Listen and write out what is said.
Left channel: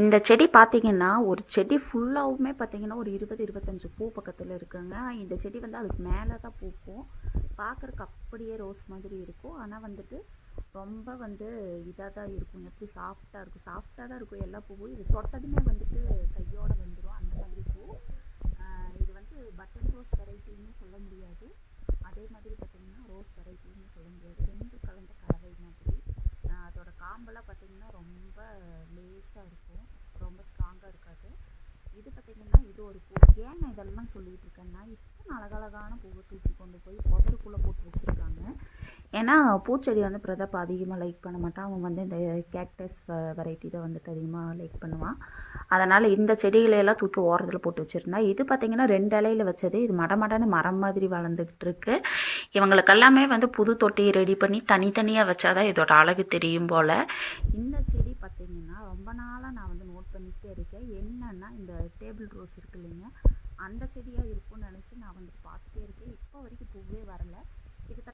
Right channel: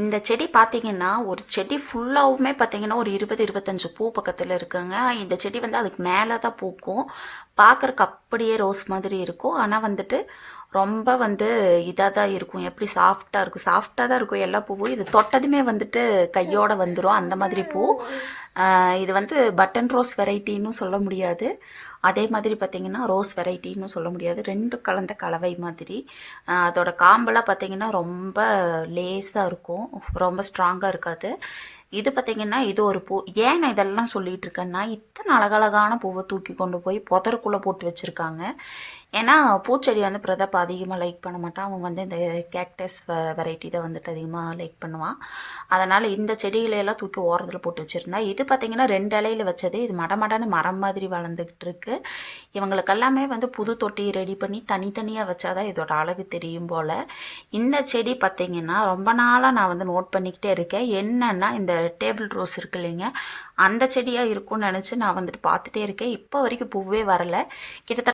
இந்த செடி பார்த்தீங்கன்னா, ஒரு செடி ஃபுல்லாவுமே பார்த்தீங்கன்னா, ஒரு 20, 25 பூ பக்கத்துல இருக்குங்க. இந்த செடி வந்து அதுக்கு மேல தான் பூக்கும். பார்க்கறக்கு அப்படியே ரோஸ் மாதிரி இருக்கும். ஆனா வந்துட்டு, ரொம்ப வந்து இதா தான் இருக்கும். எப்படி சாஃப்ட்டா இருக்கும். சாஃப்ட்டா தான் இருக்கும் எல்லா பூவும். இது தொட்டதுமே வந்துட்டு கையோட வந்துரும். அந்த மாதிரி பூ. இது வந்து பட்டன் ரோஸ் வெரைட்டின்னு சொல்ல முடியாது. அதே மாதிரி பார்த்தீங்கன்னா, ரோஸ் வெரைட்டின்னு சொல்ல முடியாது. 2ம் கலந்த கலவை மாதிரி. அதோட காம்பெல்லாம் பார்த்தீங்கன்னா, ரொம்ப லேஸா இருக்கும். ரொம்ப ஸ்ட்ராங்கா இருக்காது. இது பார்த்தீங்கன்னா, இது ஒரு பூ. ஏன் நான் இதெல்லாம் சொல்லிட்டு இருக்கேன்னா, இத்தனை அழகழகான பூவை தூக்கி கொண்டு போய் புதருக்குள்ள போட்டு வச்சிருக்காங்க. ஏன்னா, பூச்செடி வந்து பிரதாப் அதிகமாக லைக் பண்ண மாட்டான். அவன் வந்து இந்த கேக்டஸ் வெரைட்டி தான் வந்துட்டு அதிகமாக லைக் பண்ணுவான். அதனால் இந்த செடிகளையெல்லாம் தூக்கி ஓரத்தில் போட்டு வச்சுருந்தா. இது பார்த்தீங்கன்னா 2 இலையில வச்சது. இது மடமடன்னு மரம் மாதிரி வளர்ந்துக்கிட்டு இருக்கு. இவங்களுக்கெல்லாமே வந்து புது தொட்டி ரெடி பண்ணி தனித்தனியாக வச்சாதான் இதோட அழகு தெரியும் போல். இந்த செடி பார்த்தீங்கன்னா ரொம்ப நாளாக நான் வந்து நோட் பண்ணிக்கிட்டே இருக்கேன். என்னன்னா இந்த டேபிள் ரோஸ் இருக்கு இல்லைங்க, அந்த செடியாக இருக்கும்னு நினச்சி நான் வந்துட்டு பார்த்துட்டே இருக்கேன். இப்போ வரைக்கும் பூவே வரலை. கிட்டத்தட்ட